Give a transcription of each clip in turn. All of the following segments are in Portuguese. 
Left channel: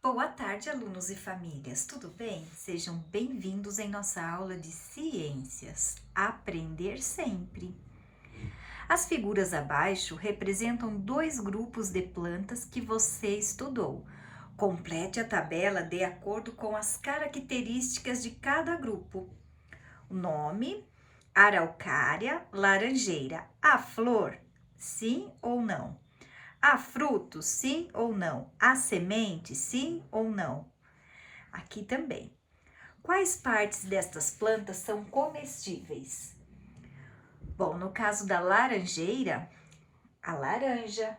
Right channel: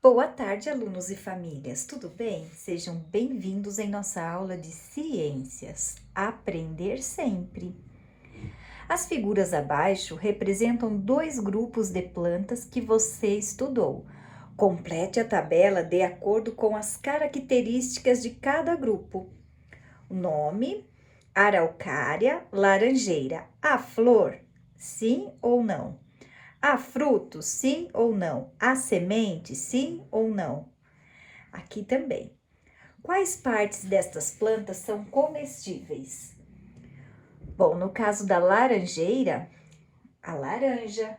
Boa tarde, alunos e famílias, tudo bem? Sejam bem-vindos em nossa aula de ciências. Aprender sempre. As figuras abaixo representam dois grupos de plantas que você estudou. Complete a tabela de acordo com as características de cada grupo. O nome: araucária, laranjeira. A flor: sim ou não? Há frutos, sim ou não? Há semente, sim ou não? Aqui também. Quais partes destas plantas são comestíveis? Bom, no caso da laranjeira, a laranja,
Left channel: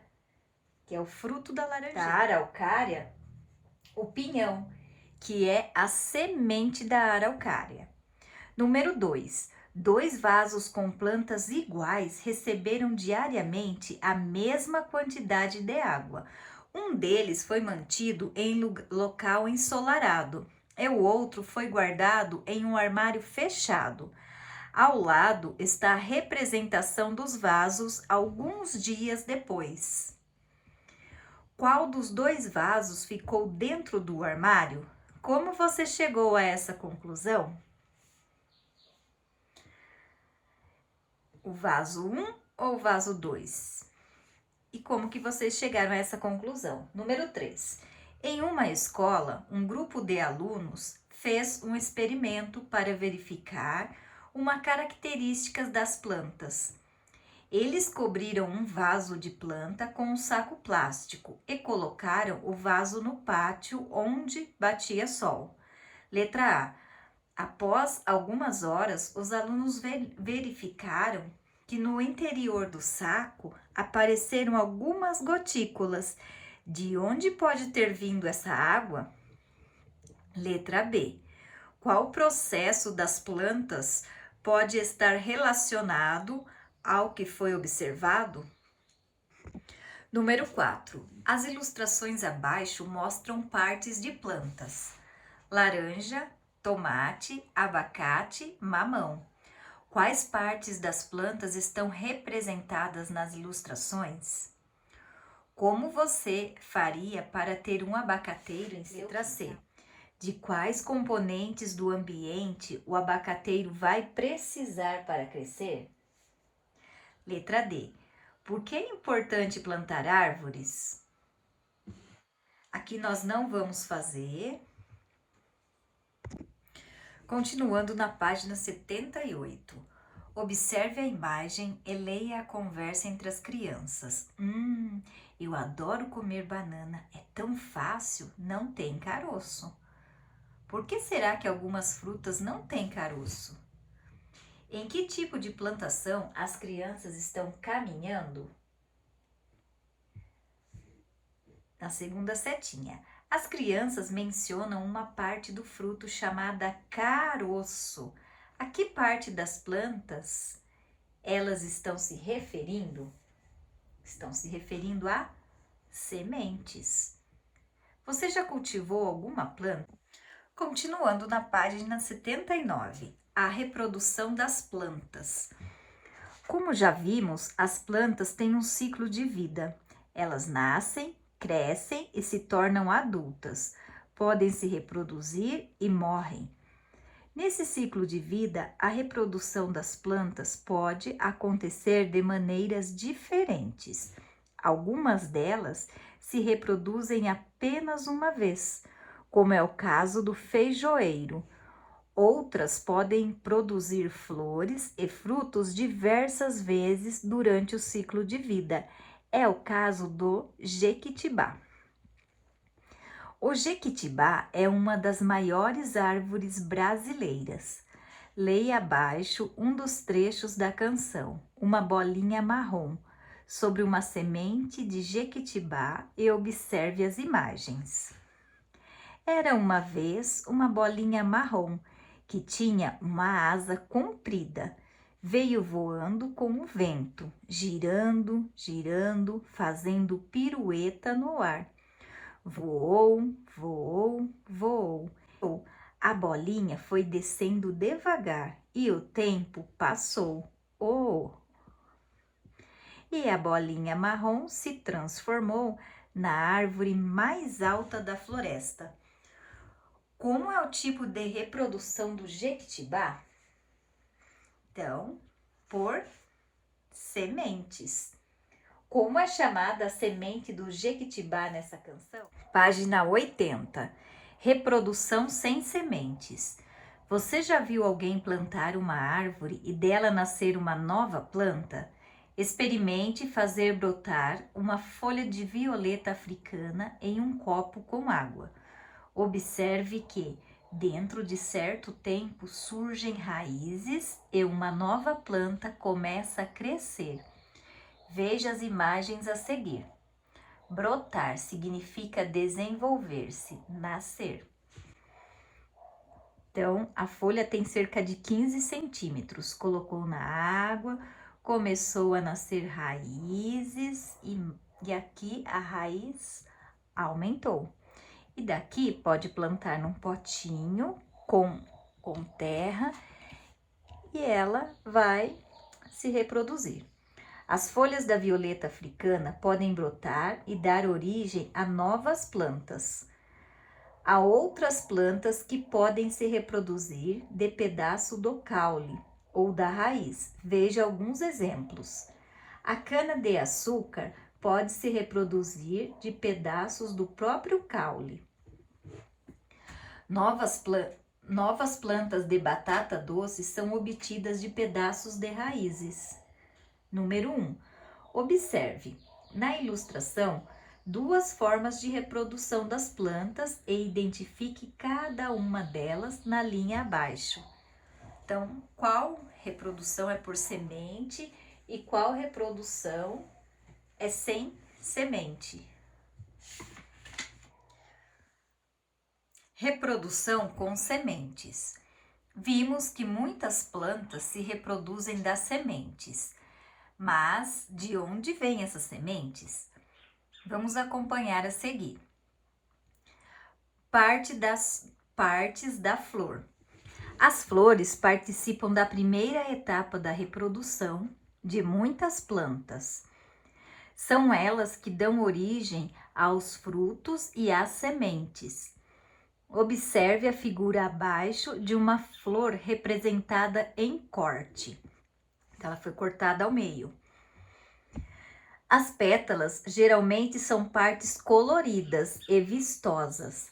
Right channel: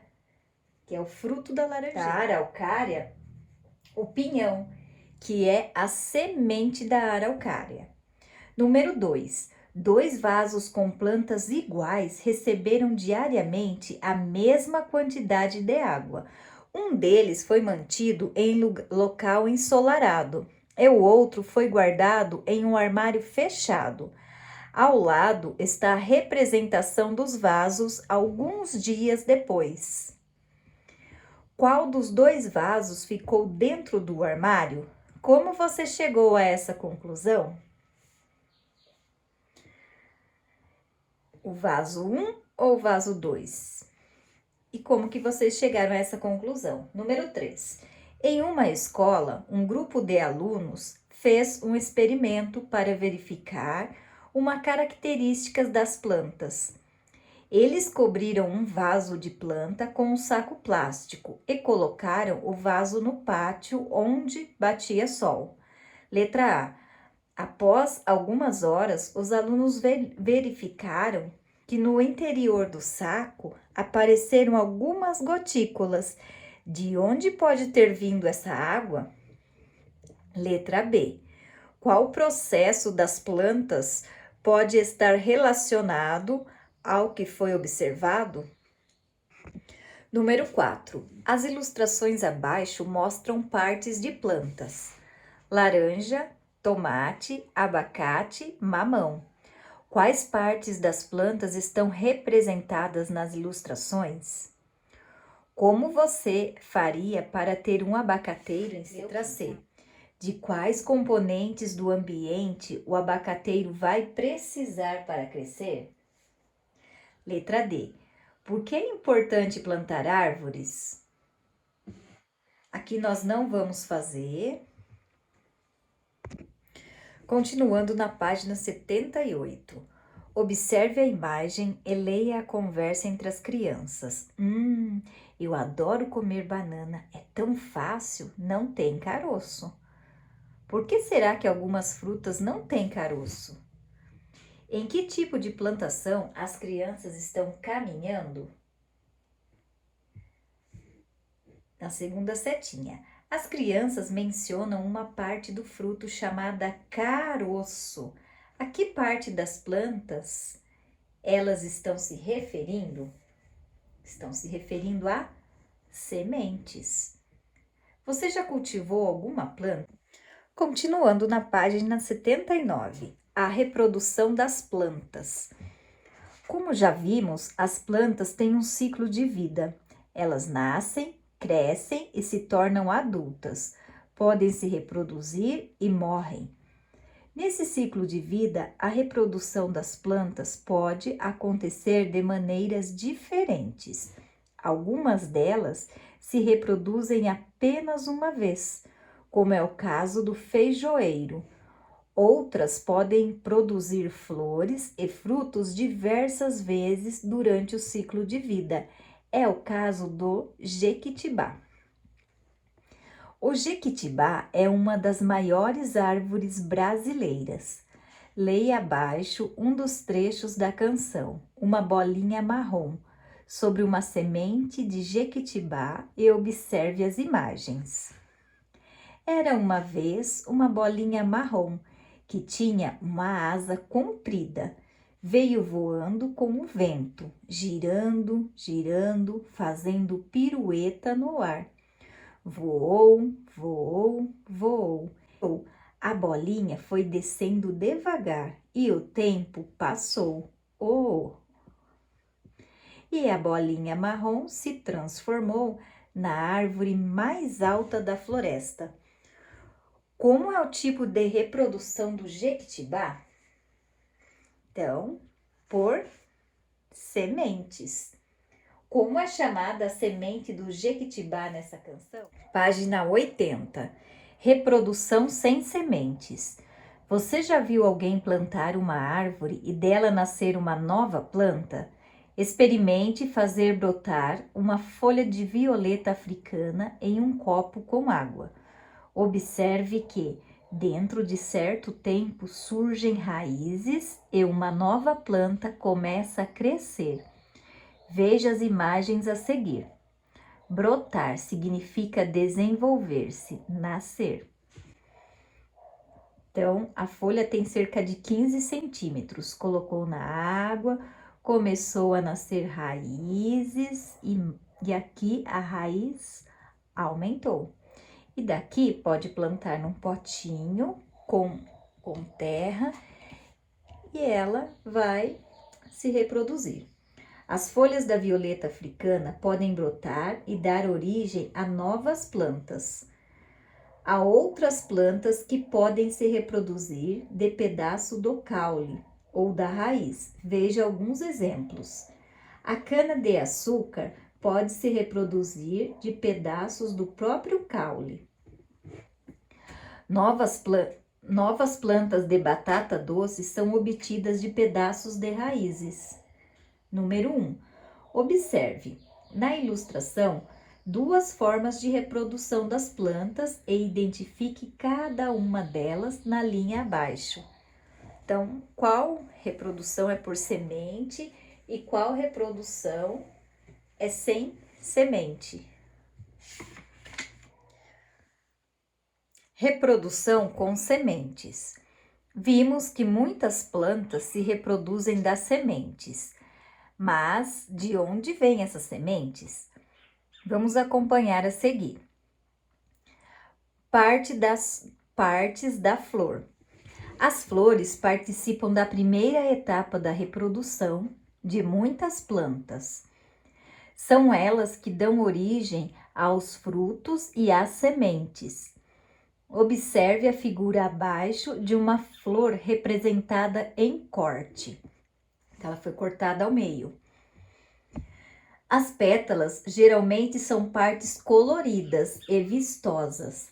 que é o fruto da laranjeira. Da araucária, o pinhão, que é a semente da araucária. Número 2. Dois vasos com plantas iguais receberam diariamente a mesma quantidade de água. Um deles foi mantido em local ensolarado e o outro foi guardado em um armário fechado. Ao lado está a representação dos vasos alguns dias depois. Qual dos dois vasos ficou dentro do armário? Como você chegou a essa conclusão? O vaso 1 ou o vaso 2? E como que vocês chegaram a essa conclusão? Número 3. Em uma escola, um grupo de alunos fez um experimento para verificar uma característica das plantas. Eles cobriram um vaso de planta com um saco plástico e colocaram o vaso no pátio onde batia sol. Letra A. Após algumas horas, os alunos verificaram que no interior do saco apareceram algumas gotículas. De onde pode ter vindo essa água? Letra B. Qual processo das plantas pode estar relacionado ao que foi observado? Número 4. As ilustrações abaixo mostram partes de plantas: laranja, tomate, abacate, mamão. Quais partes das plantas estão representadas nas ilustrações? Como você faria para ter um abacateiro em letra C? De quais componentes do ambiente o abacateiro vai precisar para crescer? Letra D. Por que é importante plantar árvores? Aqui nós não vamos fazer. Continuando na página 78. Observe a imagem e leia a conversa entre as crianças. Eu adoro comer banana. É tão fácil, não tem caroço. Por que será que algumas frutas não têm caroço? Em que tipo de plantação as crianças estão caminhando? Na segunda setinha. As crianças mencionam uma parte do fruto chamada caroço. A que parte das plantas elas estão se referindo? Estão se referindo a sementes. Você já cultivou alguma planta? Continuando na página 79, a reprodução das plantas. Como já vimos, as plantas têm um ciclo de vida. Elas nascem, crescem e se tornam adultas. Podem se reproduzir e morrem. Nesse ciclo de vida, a reprodução das plantas pode acontecer de maneiras diferentes. Algumas delas se reproduzem apenas uma vez, como é o caso do feijoeiro. Outras podem produzir flores e frutos diversas vezes durante o ciclo de vida. É o caso do jequitibá. O jequitibá é uma das maiores árvores brasileiras. Leia abaixo um dos trechos da canção, Uma Bolinha Marrom, sobre uma semente de jequitibá e observe as imagens. Era uma vez uma bolinha marrom que tinha uma asa comprida. Veio voando com o vento, girando, girando, fazendo pirueta no ar. Voou, voou, voou. A bolinha foi descendo devagar e o tempo passou. Oh! E a bolinha marrom se transformou na árvore mais alta da floresta. Como é o tipo de reprodução do jequitibá? Então, por sementes. Como é chamada a semente do jequitibá nessa canção? Página 80. Reprodução sem sementes. Você já viu alguém plantar uma árvore e dela nascer uma nova planta? Experimente fazer brotar uma folha de violeta africana em um copo com água. Observe que, dentro de certo tempo, surgem raízes e uma nova planta começa a crescer. Veja as imagens a seguir. Brotar significa desenvolver-se, nascer. Então, a folha tem cerca de 15 centímetros. Colocou na água, começou a nascer raízes e aqui a raiz aumentou. E daqui pode plantar num potinho com terra e ela vai se reproduzir. As folhas da violeta africana podem brotar e dar origem a novas plantas. Há outras plantas que podem se reproduzir de pedaço do caule ou da raiz. Veja alguns exemplos. A cana-de-açúcar pode se reproduzir de pedaços do próprio caule. Novas plantas de batata doce são obtidas de pedaços de raízes. Número 1. Observe, na ilustração, duas formas de reprodução das plantas e identifique cada uma delas na linha abaixo. Então, qual reprodução é por semente e qual reprodução é sem semente? Reprodução com sementes. Vimos que muitas plantas se reproduzem das sementes. Mas de onde vêm essas sementes? Vamos acompanhar a seguir. Partes da flor. As flores participam da primeira etapa da reprodução de muitas plantas. São elas que dão origem aos frutos e às sementes. Observe a figura abaixo de uma flor representada em corte. Ela foi cortada ao meio. As pétalas geralmente são partes coloridas e vistosas.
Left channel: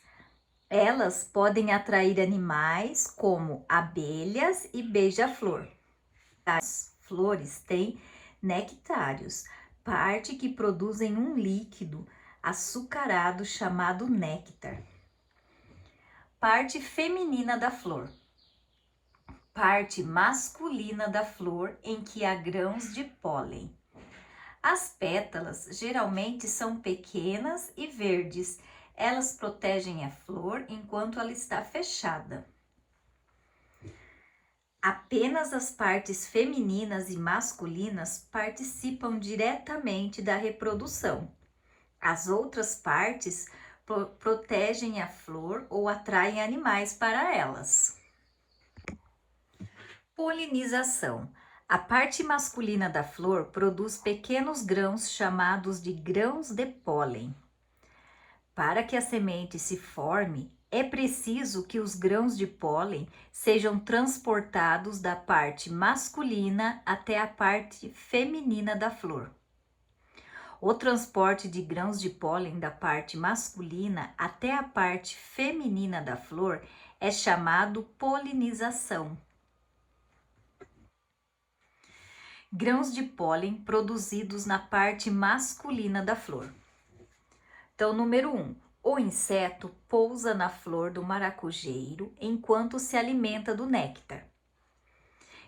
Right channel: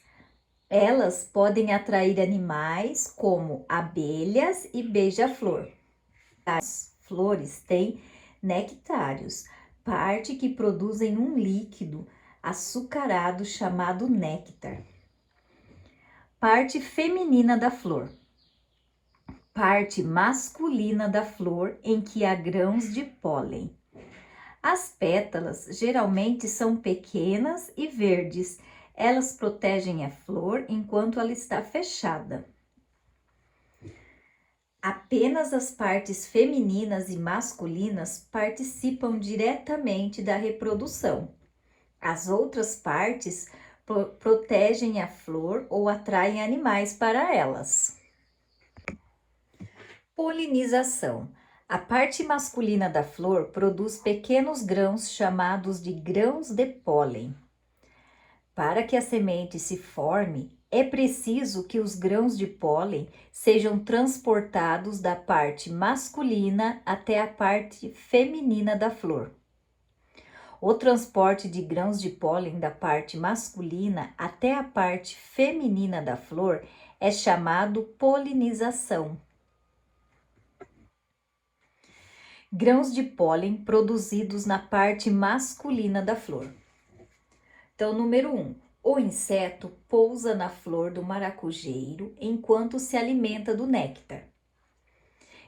Elas podem atrair animais como abelhas e beija-flor. As flores têm nectários, parte que produzem um líquido açucarado chamado néctar. Parte feminina da flor. Parte masculina da flor em que há grãos de pólen. As pétalas geralmente são pequenas e verdes. Elas protegem a flor enquanto ela está fechada. Apenas as partes femininas e masculinas participam diretamente da reprodução. As outras partes protegem a flor ou atraem animais para elas. Polinização. A parte masculina da flor produz pequenos grãos chamados de grãos de pólen. Para que a semente se forme, é preciso que os grãos de pólen sejam transportados da parte masculina até a parte feminina da flor. O transporte de grãos de pólen da parte masculina até a parte feminina da flor é chamado polinização. Grãos de pólen produzidos na parte masculina da flor. Então, número 1. O inseto pousa na flor do maracujeiro enquanto se alimenta do néctar.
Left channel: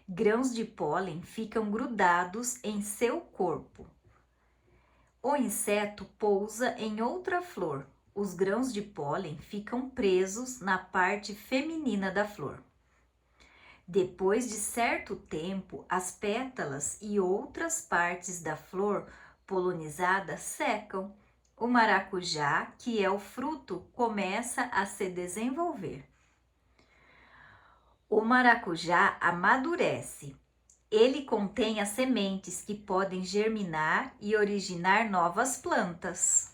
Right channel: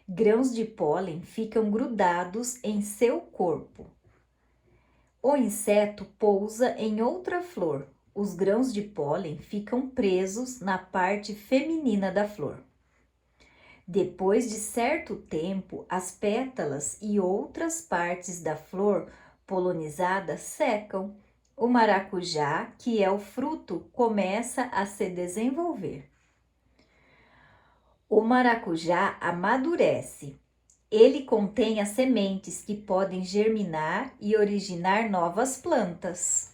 Grãos de pólen ficam grudados em seu corpo. O inseto pousa em outra flor. Os grãos de pólen ficam presos na parte feminina da flor. Depois de certo tempo, as pétalas e outras partes da flor polinizada secam. O maracujá, que é o fruto, começa a se desenvolver. O maracujá amadurece. Ele contém as sementes que podem germinar e originar novas plantas.